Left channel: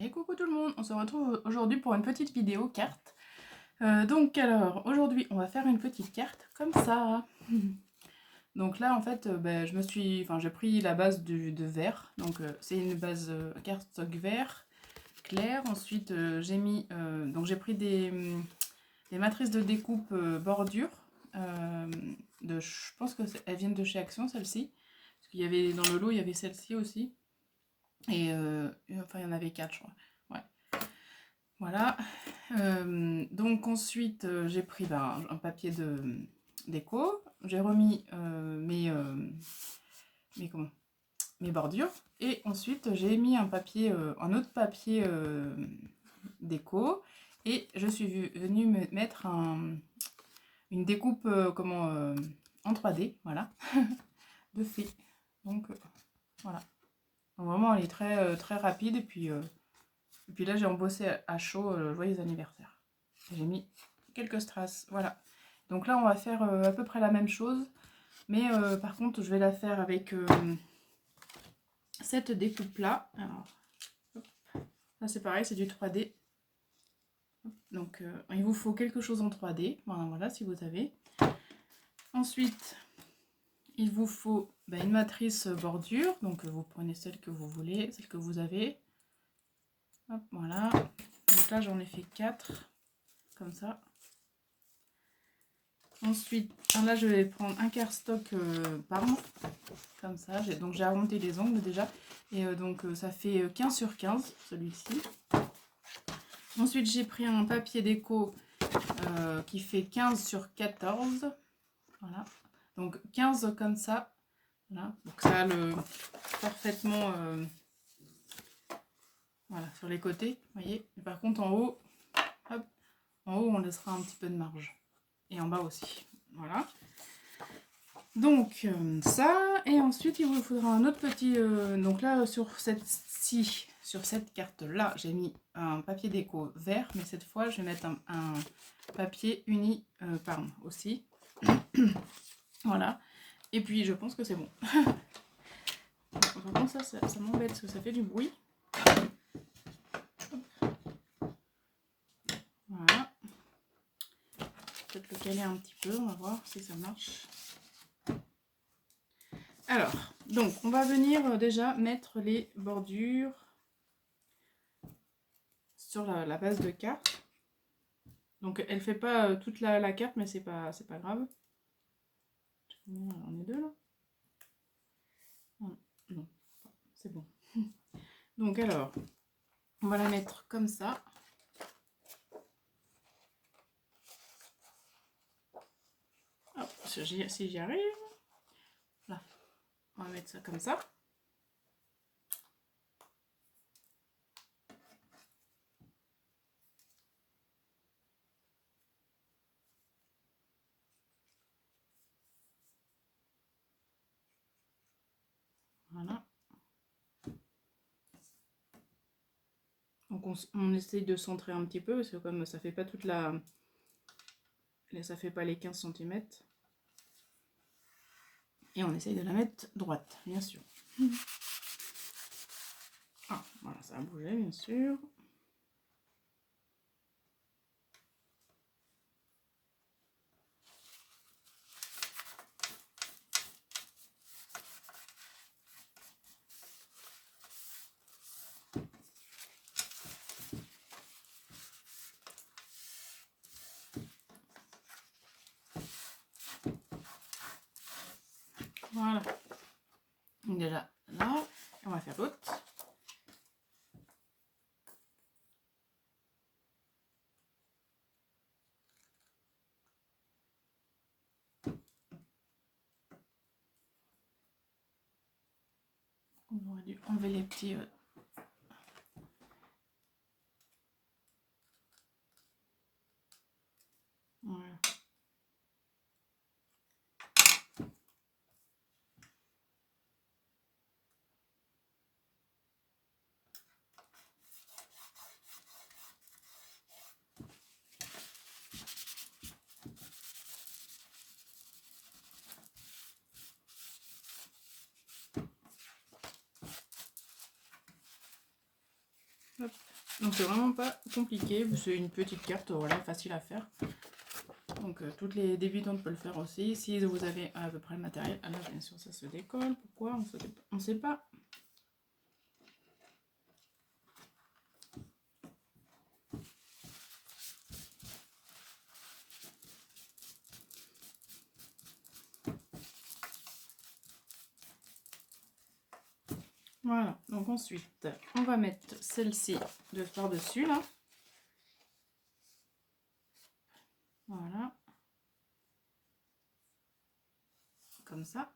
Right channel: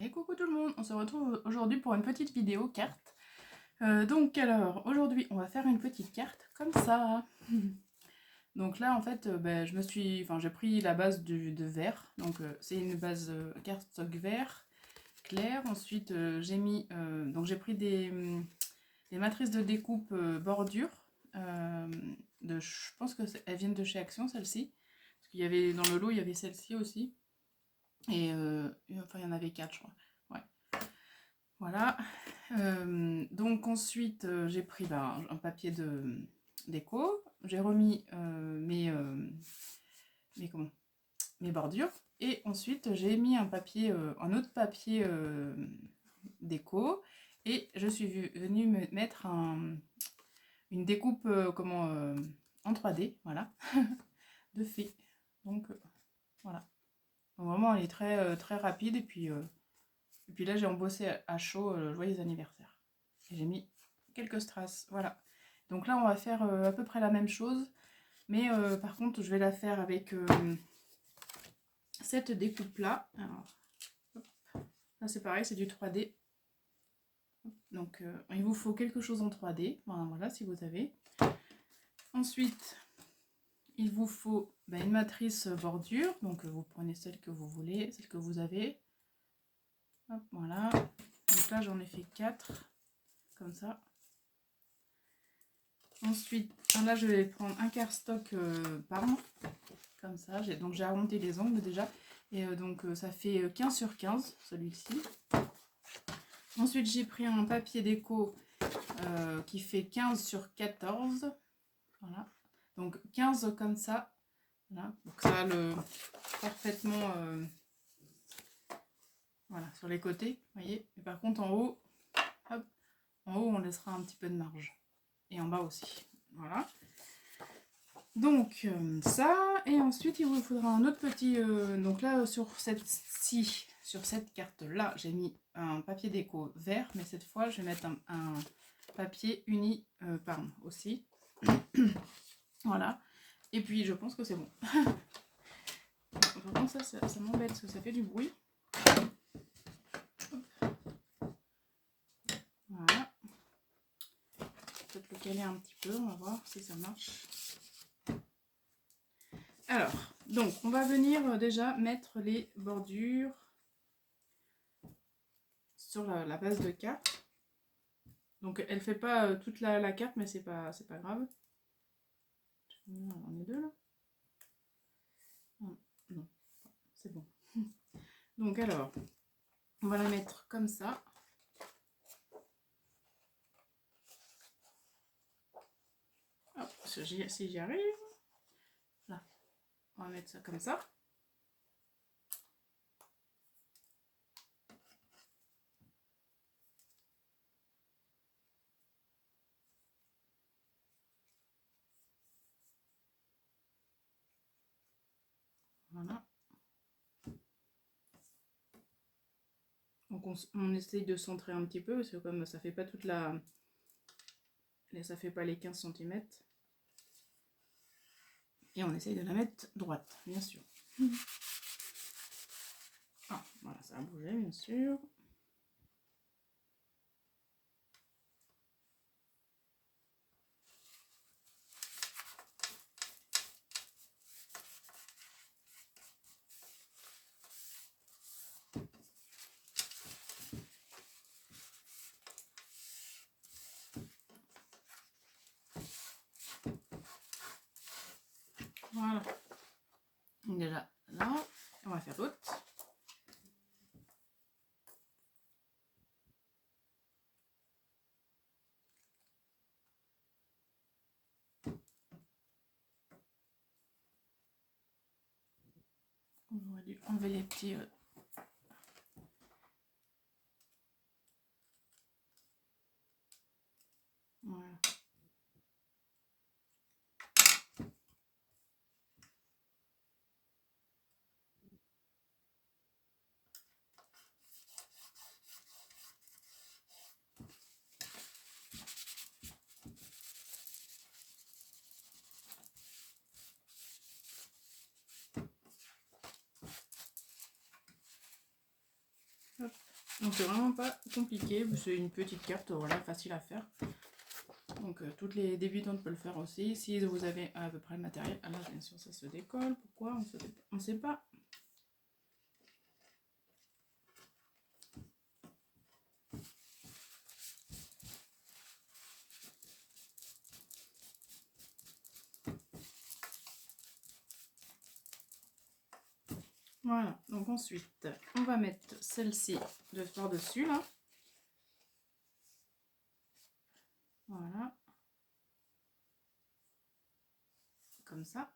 Et coucou tout le monde, on se retrouve aujourd'hui pour une petite vidéo carte. Alors, aujourd'hui on va faire une petite carte comme ça. Donc là en fait, j'ai pris la base de vert. Donc c'est une base cardstock vert clair. Ensuite j'ai pris des matrices de découpe bordure. Je pense qu'elles viennent de chez Action, celle-ci. Parce qu'il y avait dans le lot, il y avait celle-ci aussi. Et enfin il y en avait 4 je crois. Ouais. Voilà. Donc ensuite, j'ai pris un papier déco. J'ai remis mes bordures. Et ensuite, j'ai mis un autre papier déco. Et je suis venue me mettre une découpe en 3D, voilà, de fée. Donc voilà. Donc, vraiment, elle est très rapide. Et puis là, j'ai embossé à chaud joyeux anniversaire. J'ai mis quelques strass, voilà. Donc là, on va faire à peu près la même chose. Mais par contre, je vais la faire avec cette découpe-là. Alors, hop. Là, c'est pareil, c'est du 3D. Donc, il vous faut quelque chose en 3D. Voilà, si vous avez. Ensuite, il vous faut une matrice bordure. Donc, vous prenez celle que vous voulez, celle que vous avez. Hop, voilà. Donc là, j'en ai fait 4. Comme ça. Ensuite, là, je vais prendre un cardstock Parme. Comme ça. Donc, j'ai arrondi les angles déjà. Et ça fait 15 sur 15, celui-ci. Ensuite, j'ai pris un papier déco qui fait 15 sur 14. Voilà. Donc, 15 comme ça. Voilà. Donc, ça le parfaitement voilà, sur les côtés. Vous voyez. Et par contre, en haut, hop, en haut, on laissera un petit peu de marge. Et en bas aussi. Voilà. Donc, ça. Et ensuite, il vous faudra un autre petit... donc là, sur cette carte-là, j'ai mis un papier déco vert. Mais cette fois, je vais mettre un papier uni Parme aussi. Voilà. Et puis, je pense que c'est bon. Par contre, ça m'embête parce que ça fait du bruit. Voilà. Peut-être le caler un petit peu. On va voir si ça marche. Alors, donc, on va venir déjà mettre les bordures sur la base de carte. Donc, elle fait pas toute la carte, mais c'est pas grave. On est deux là. Non, c'est bon. Donc, alors, on va la mettre comme ça. Hop, si j'y arrive. Là, on va mettre ça comme ça. Voilà. Donc on essaye de centrer un petit peu parce que comme ça fait pas ça fait pas les 15 cm. Et on essaye de la mettre droite, bien sûr. Ah, voilà, ça a bougé, bien sûr. Voilà. Donc déjà là, et on va faire l'autre. On aurait dû enlever les petits... Voilà. Donc c'est vraiment pas compliqué, c'est une petite carte, voilà, facile à faire. Donc toutes les débutantes peuvent le faire aussi, si vous avez à peu près le matériel. Alors bien sûr ça se décolle, pourquoi on ne sait pas. Voilà, donc ensuite on va mettre celle-ci de par-dessus là. Voilà. Comme ça.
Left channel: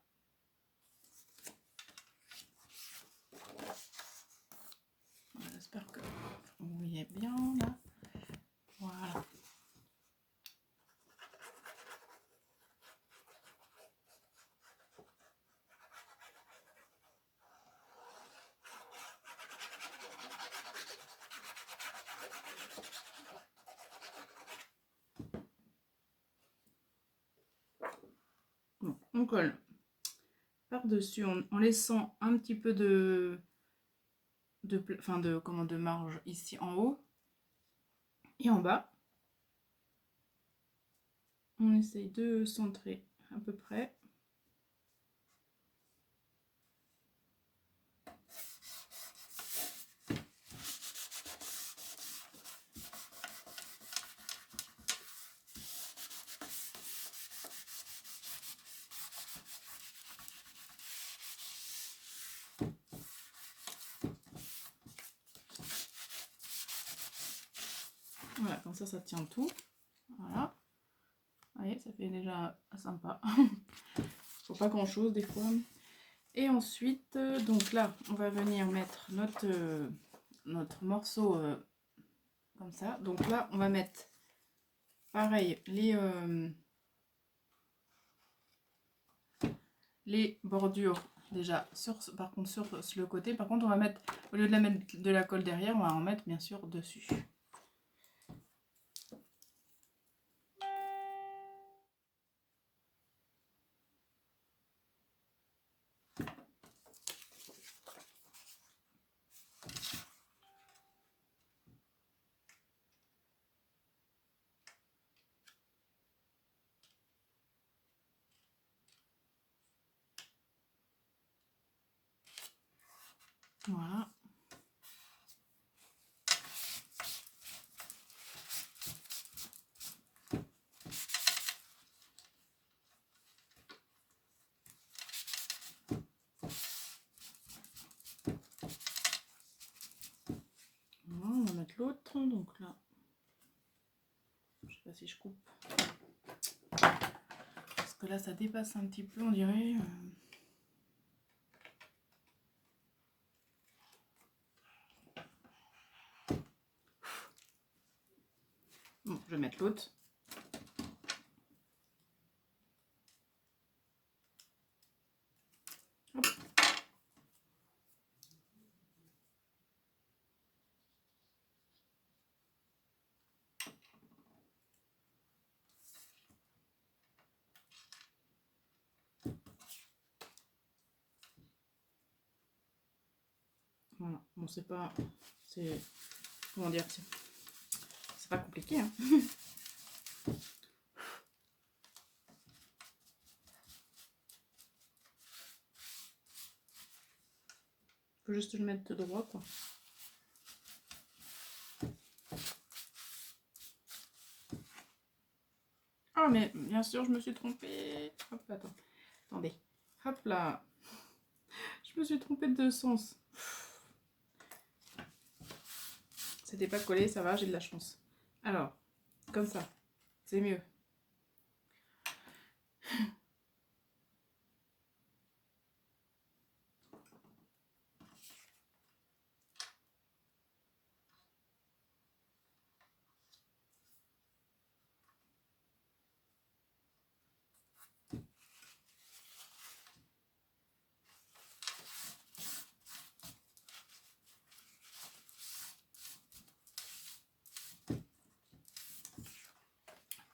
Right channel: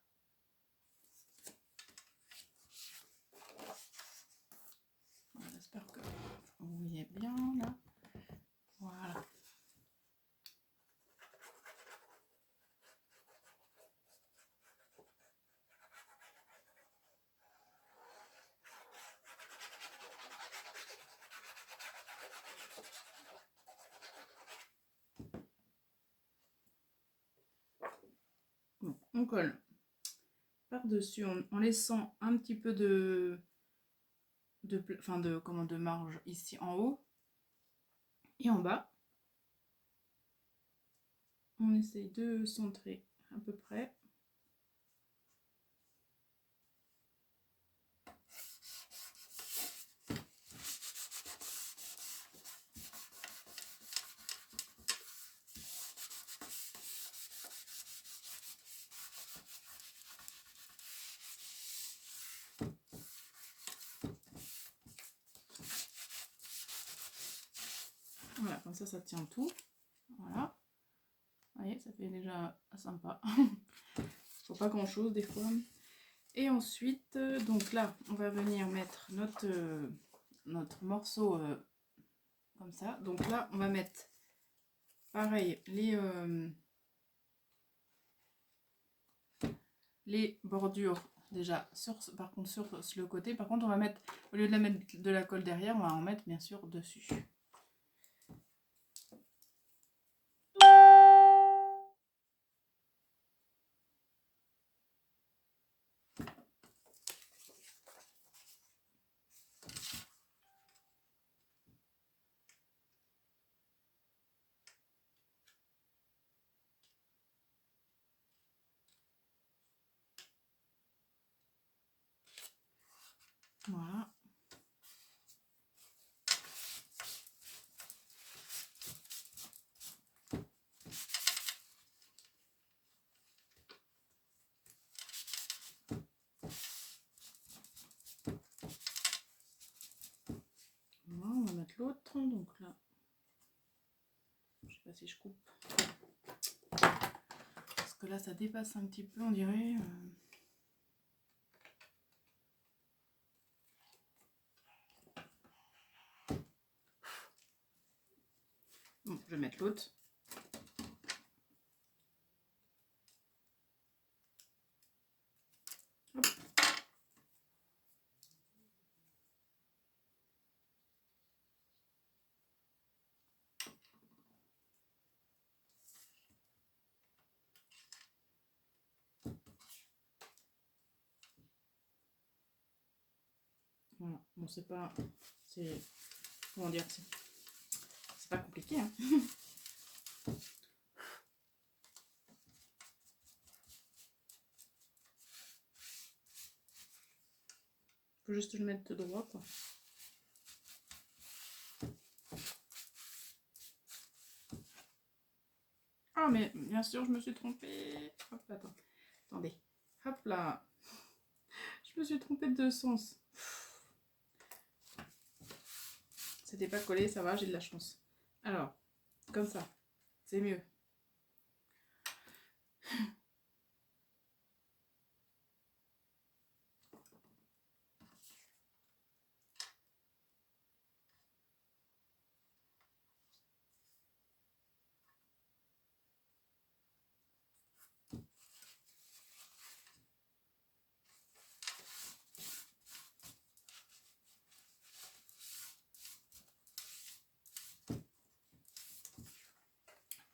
Voilà, j'espère que vous voyez bien là. Voilà. Bon, on colle par-dessus en laissant un petit peu de marge ici en haut et en bas. On essaye de centrer à peu près. Voilà, comme ça tient tout. Voilà. Vous voyez, ça fait déjà sympa. Faut pas grand chose des fois. Et ensuite, donc là, on va venir mettre notre morceau comme ça. Donc là, on va mettre pareil les bordures déjà par contre sur le côté. Par contre, on va mettre, au lieu de la mettre de la colle derrière, on va en mettre bien sûr dessus. Voilà. Voilà, on va mettre l'autre. Donc là, je sais pas si je coupe. Parce que là, ça dépasse un petit peu, on dirait. Bon, je vais mettre l'autre. Hop. Voilà, bon c'est pas, c'est, comment dire, c'est pas compliqué, hein. Faut juste le mettre droit, quoi. Ah mais bien sûr, je me suis trompée. Hop, attendez, hop là, je me suis trompée de sens. C'était pas collé, ça va, j'ai de la chance. Alors, comme ça, c'est mieux.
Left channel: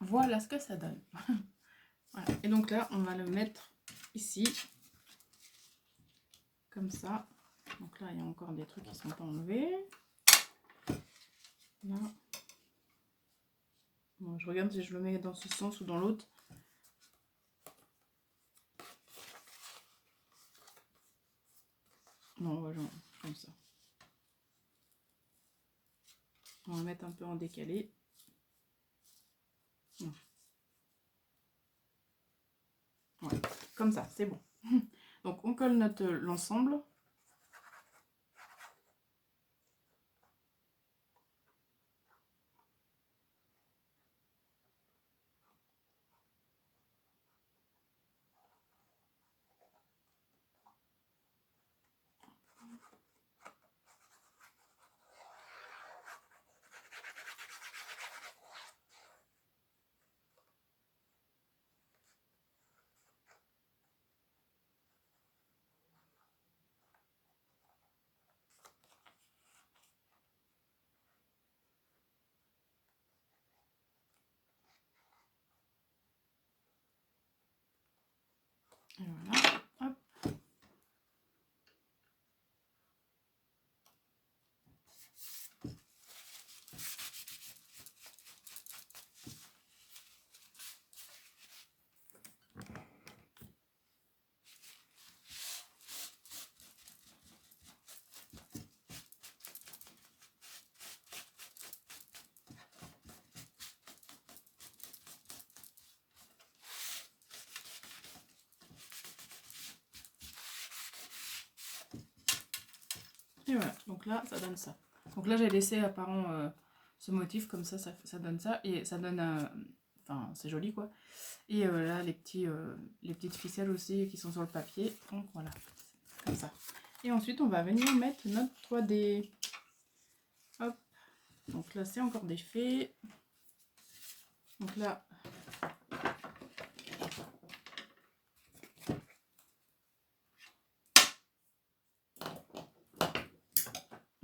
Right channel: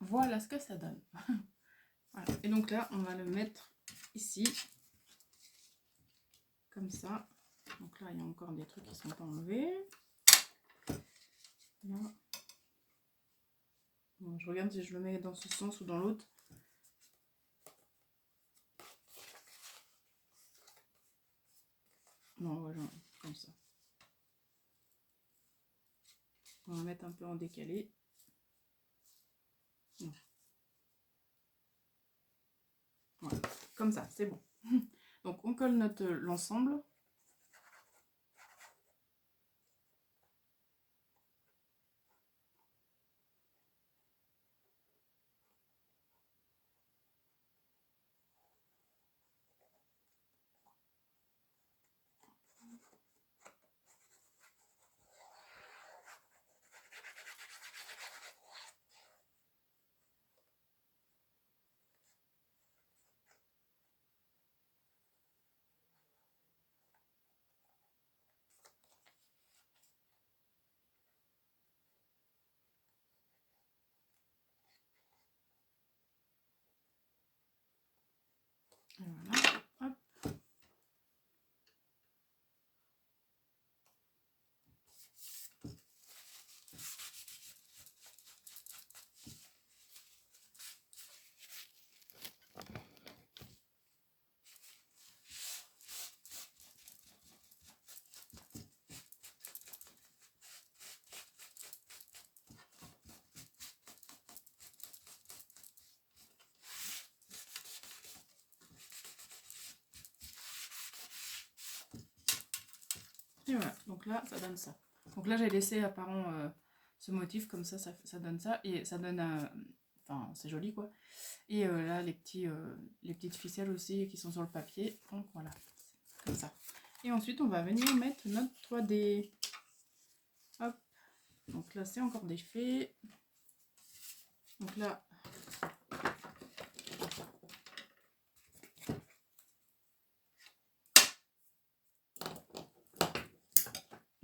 Voilà ce que ça donne. Voilà. Et donc là, on va le mettre ici, comme ça. Donc là, il y a encore des trucs qui sont pas enlevés. Là. Bon, je regarde si je le mets dans ce sens ou dans l'autre. Non, voilà, comme ça. On va mettre un peu en décalé. Non. Ouais, comme ça, c'est bon. Donc on colle l'ensemble. Et voilà, hop. Et voilà, donc là, ça donne ça. Donc là, j'ai laissé apparent ce motif, comme ça donne ça. Et ça donne... Enfin, c'est joli, quoi. Et là, les petites ficelles aussi qui sont sur le papier. Donc voilà, comme ça. Et ensuite, on va venir mettre notre 3D. Hop. Donc là, c'est encore défait. Donc là...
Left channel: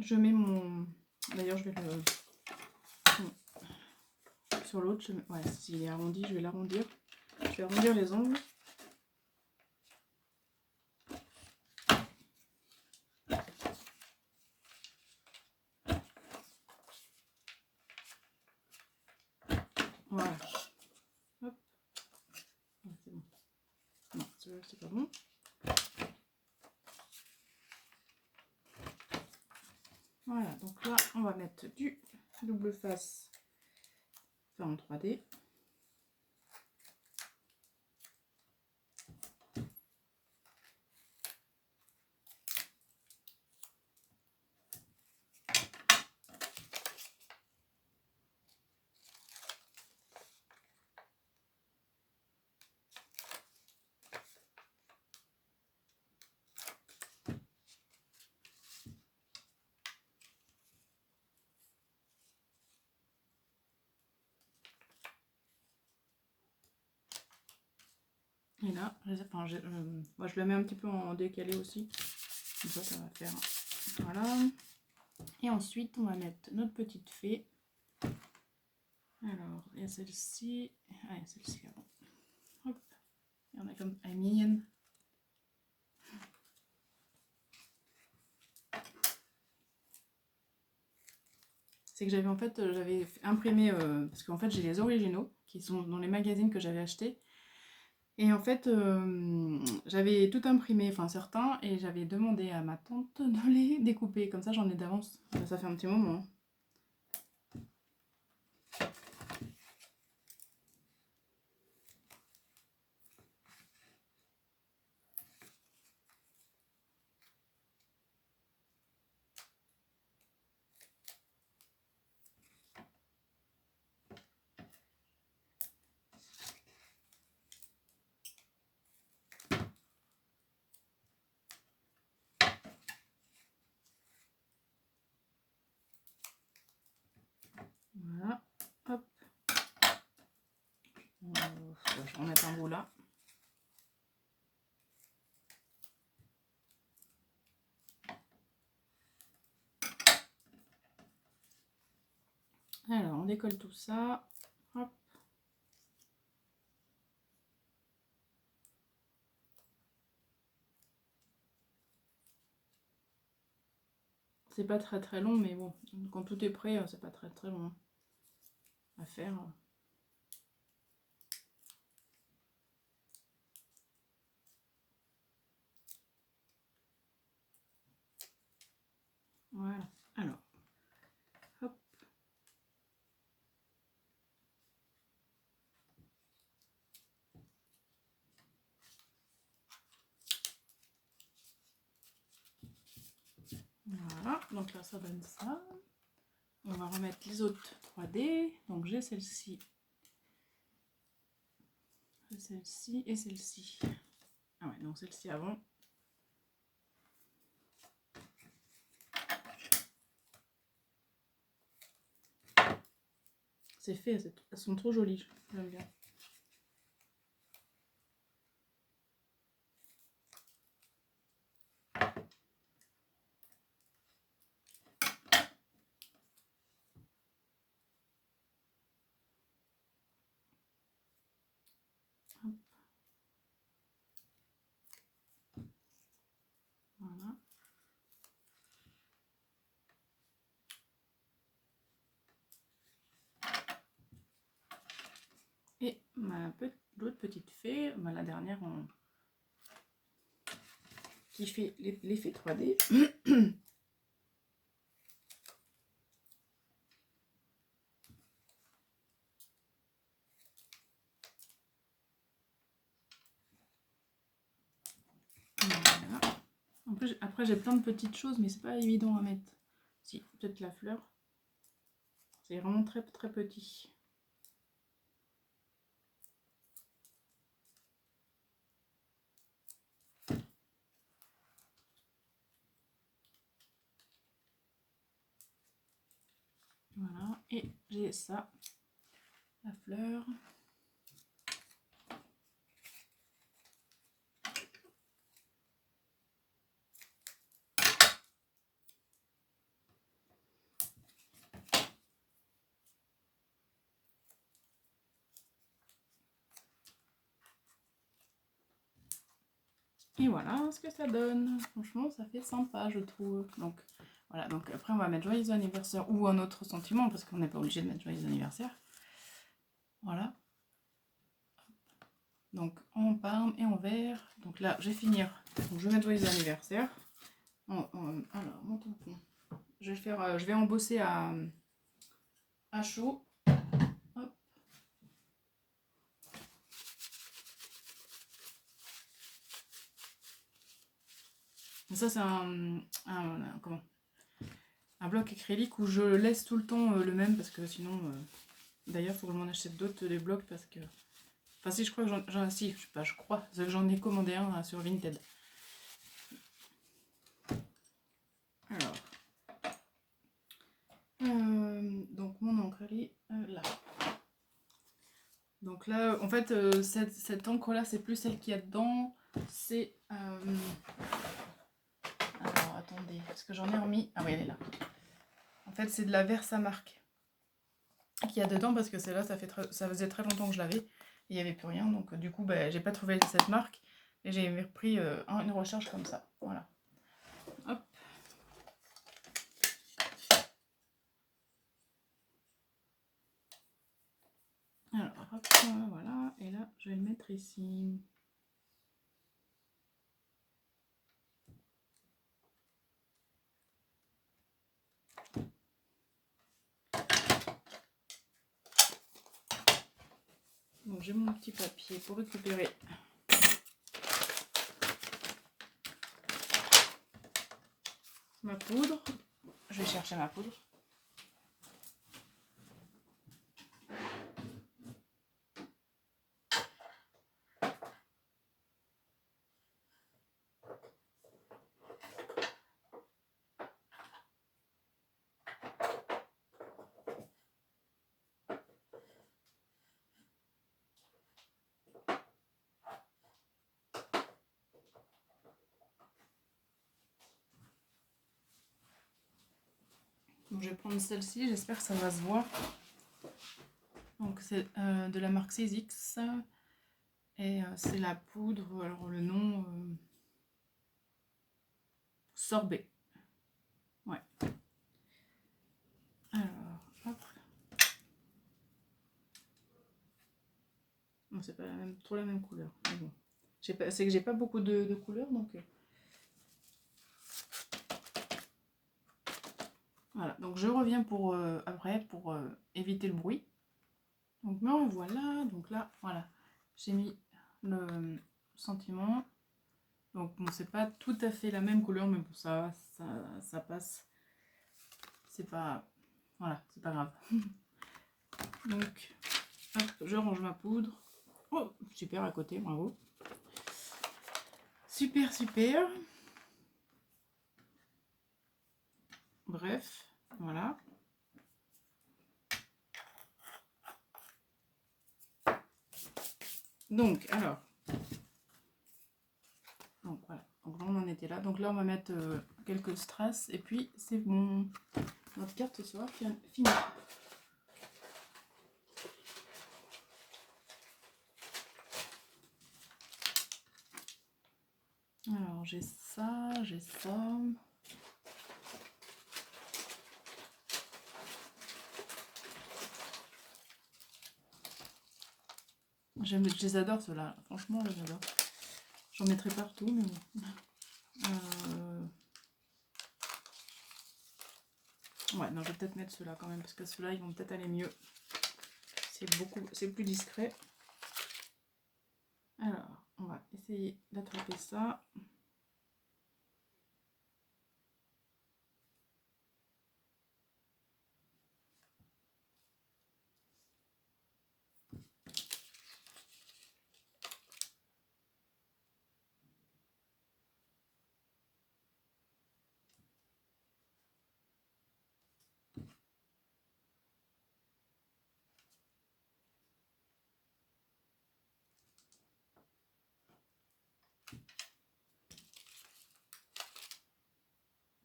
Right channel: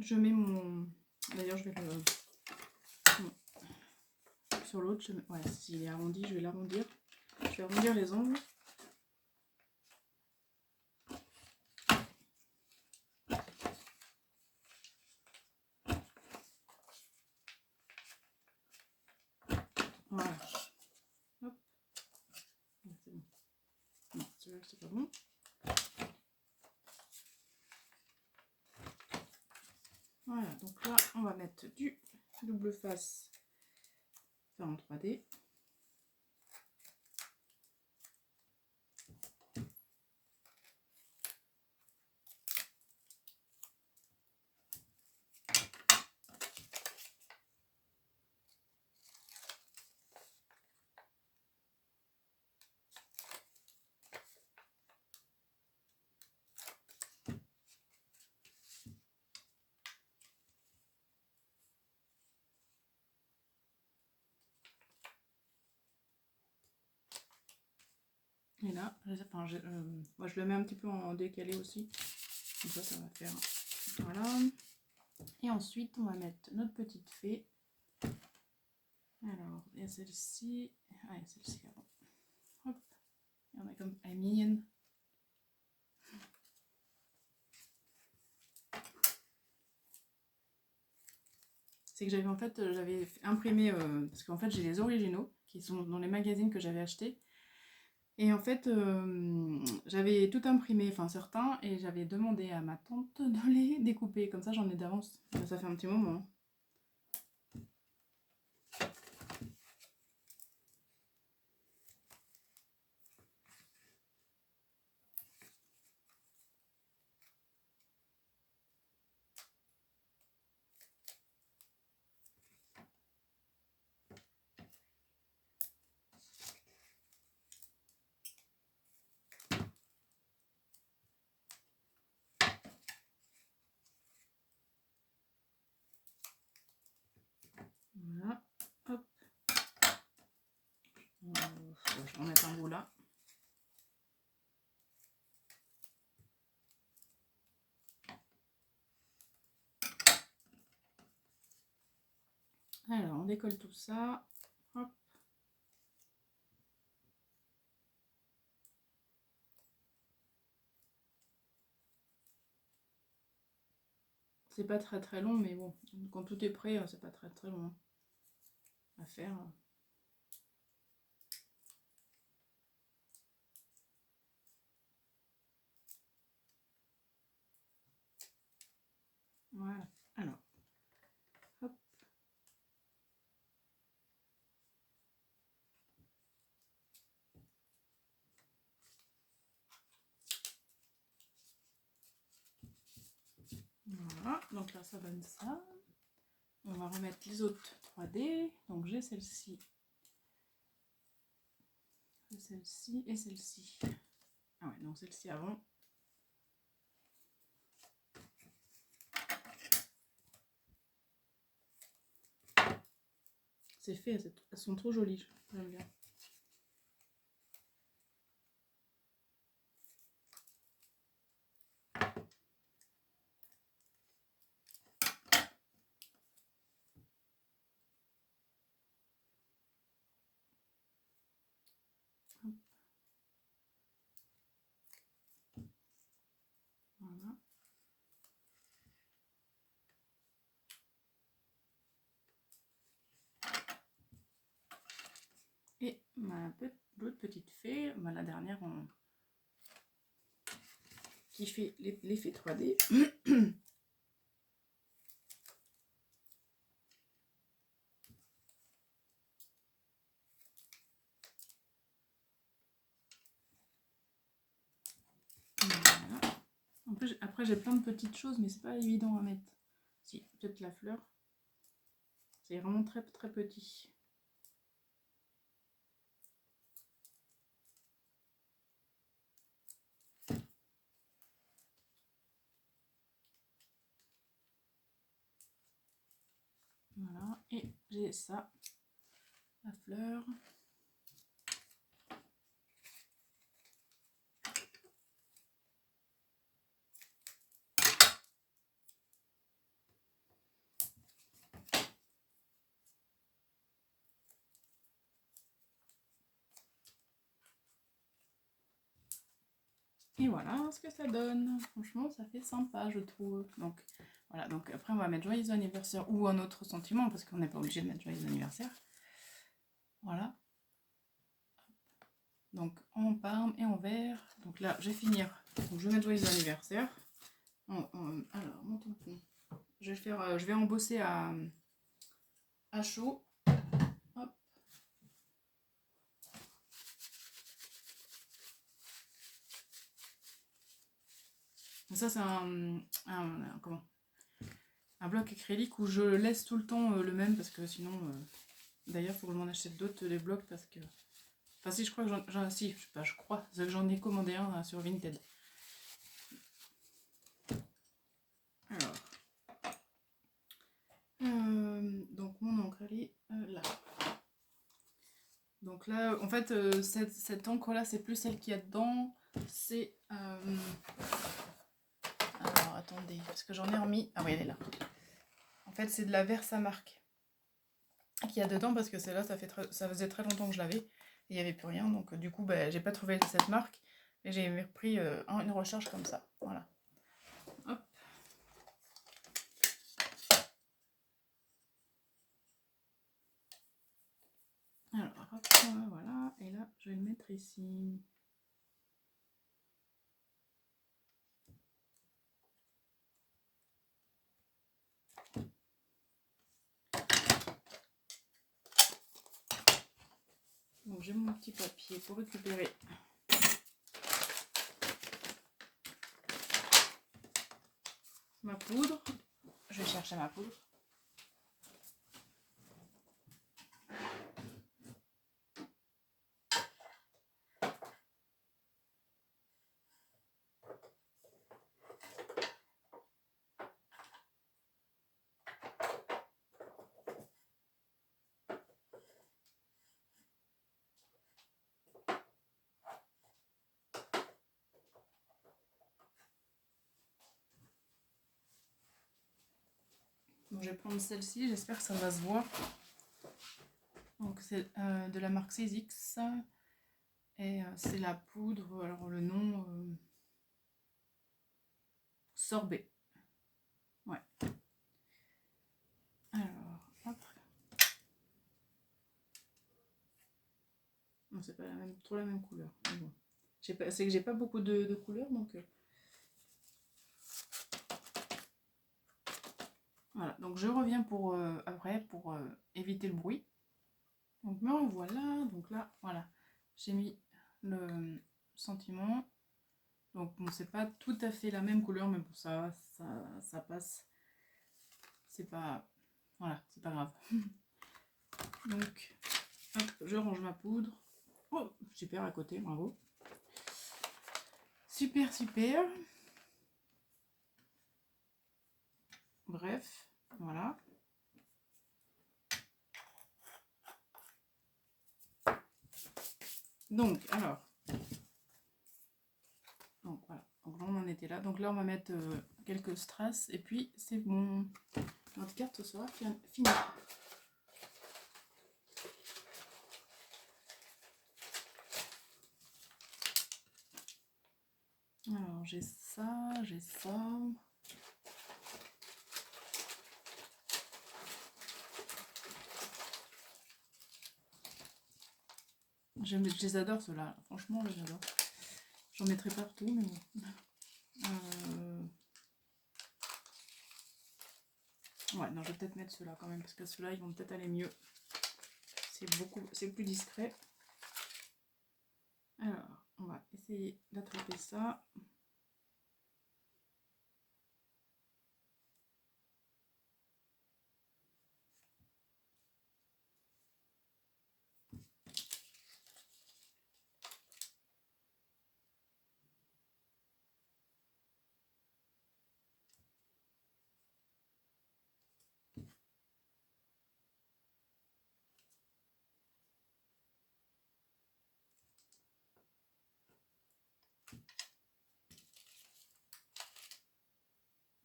Je mets mon... D'ailleurs, je vais le... Sur l'autre, ouais, s'il est arrondi, je vais l'arrondir. Je vais arrondir les ongles. Voilà. Hop. Ouais, c'est bon. Non, celui-là, c'est pas bon. Voilà, donc là, on va mettre du double face fait en 3D. Et là, moi je le mets un petit peu en décalé aussi. Comme ça va faire. Voilà. Et ensuite, on va mettre notre petite fée. Alors, il y a celle-ci. Ah, il y a celle-ci avant. Hop. Il y en a comme. Elle est mignonne. C'est que j'avais j'avais imprimé. Parce qu'en fait, j'ai les originaux qui sont dans les magazines que j'avais achetés. Et en fait, j'avais tout imprimé, enfin certains, et j'avais demandé à ma tante de les découper. Comme ça, j'en ai d'avance. Ça fait un petit moment. Hein. Voilà. Hop. Je vais en mettre un bout là. Alors, on décolle tout ça. Hop. C'est pas très long, mais bon, quand tout est prêt, c'est pas très long à faire. Voilà, alors, hop. Voilà, donc là ça donne ça. On va remettre les autres 3D. Donc j'ai celle-ci et celle-ci. Ah ouais, donc celle-ci avant. C'est fait, elles sont trop jolies, j'aime bien. Hop. Voilà. Et l'autre petite fée, la dernière qui fait l'effet 3D. Voilà. Après j'ai plein de petites choses, mais c'est pas évident à mettre. Si, peut-être la fleur. C'est vraiment très petit. Voilà, et j'ai ça, la fleur. Et voilà ce que ça donne. Franchement, ça fait sympa, je trouve. Donc, voilà. Donc, après, on va mettre joyeux anniversaire ou un autre sentiment parce qu'on n'est pas obligé de mettre joyeux anniversaire. Voilà. Donc, en parme et en vert. Donc là, je vais finir. Donc, je vais mettre joyeux anniversaire. Alors, mon tampon. Je vais embosser à chaud. Hop. Ça, c'est un bloc acrylique où je laisse tout le temps le même parce que sinon, d'ailleurs, il faut que je m'en achète d'autres des blocs parce que, enfin si je crois que je crois que j'en ai commandé un sur Vinted. Alors, donc mon encre elle est là. Donc là, en fait, cette encre là, c'est plus celle qu'il y a dedans. C'est alors attendez, parce que j'en ai remis. Ah oui, elle est là. En fait, c'est de la Versamark qu'il y a dedans parce que celle-là, ça faisait très longtemps que je l'avais et il n'y avait plus rien. Donc du coup, j'ai pas trouvé cette marque et j'ai repris une recharge comme ça. Voilà. Hop. Alors, hop, voilà. Et là, je vais le mettre ici. Donc j'ai mon petit papier pour récupérer ma poudre. Je vais chercher ma poudre. Donc je vais prendre celle-ci, j'espère que ça va se voir. Donc c'est de la marque Césix. Et c'est la poudre, alors le nom sorbet. Ouais. Alors, hop. Non, c'est pas trop la même couleur. Mais bon. C'est que j'ai pas beaucoup de couleurs, donc... Voilà, donc je reviens pour après pour éviter le bruit. Donc me revoilà, donc là, voilà, j'ai mis le sentiment. Donc bon, c'est pas tout à fait la même couleur, mais bon, ça passe. C'est pas... Voilà, c'est pas grave. Donc, hop, je range ma poudre. Oh, super à côté, bravo. Super, super. Bref, voilà. Donc, alors. Donc, voilà. Donc, là, on en était là. Donc, là, on va mettre quelques strass. Et puis, c'est bon. Notre carte ce soir finie. Alors, j'ai ça, j'ai ça. Je les adore ceux-là. Franchement, je les adore. J'en mettrai partout, mais bon. Ouais, non, je vais peut-être mettre ceux-là quand même, parce que ceux-là, ils vont peut-être aller mieux. C'est plus discret. Alors, on va essayer d'attraper ça.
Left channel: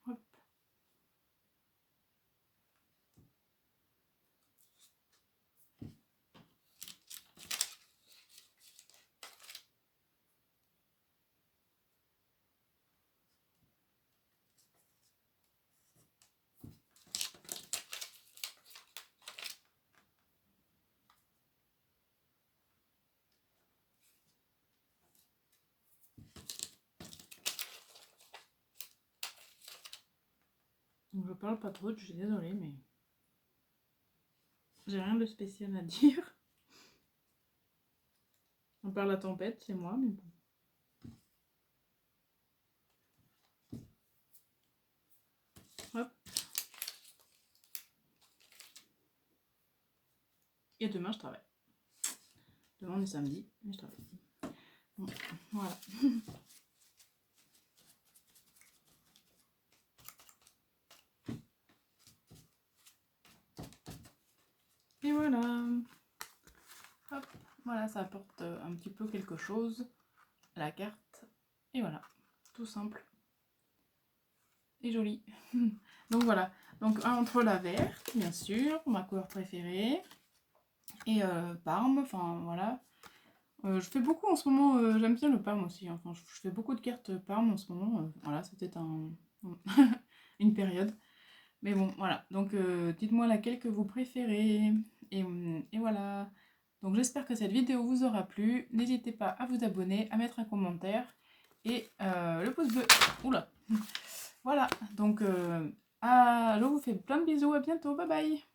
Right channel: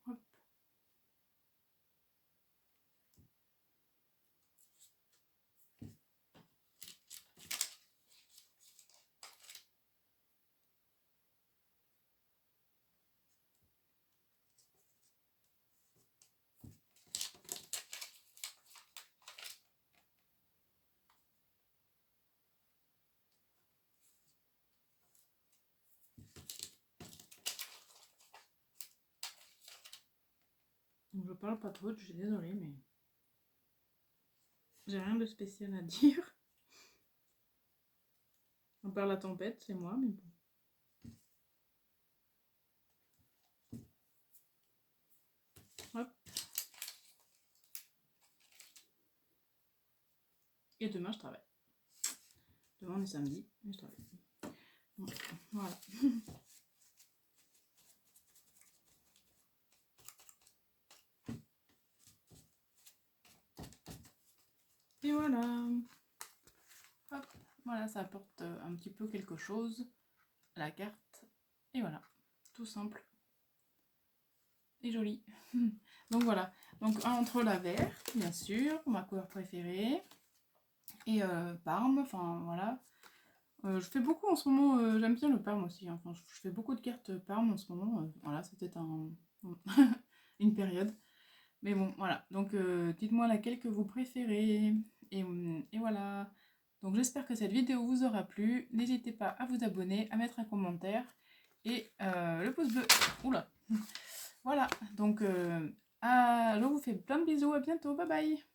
Hop. Donc, je parle pas trop, je suis désolée, mais j'ai rien de spécial à dire. On parle la tempête, c'est moi, mais bon. Hop. Et demain, je travaille. Demain, on est samedi, mais je travaille. Bon, voilà. Et voilà. Hop. Voilà, ça apporte un petit peu quelque chose à la carte. Et voilà. Tout simple. Et joli. Donc voilà. Donc entre la verte, bien sûr, ma couleur préférée. Et Parme, enfin voilà. Je fais beaucoup en ce moment, j'aime bien le Parme aussi. Enfin, je fais beaucoup de cartes Parme en ce moment. Voilà, c'était une période. Mais bon, voilà. Donc dites-moi laquelle que vous préférez. Et voilà. Donc j'espère que cette vidéo vous aura plu. N'hésitez pas à vous abonner, à mettre un commentaire et le pouce bleu. Oula. Voilà. Donc je vous fais plein de bisous. À bientôt. Bye bye.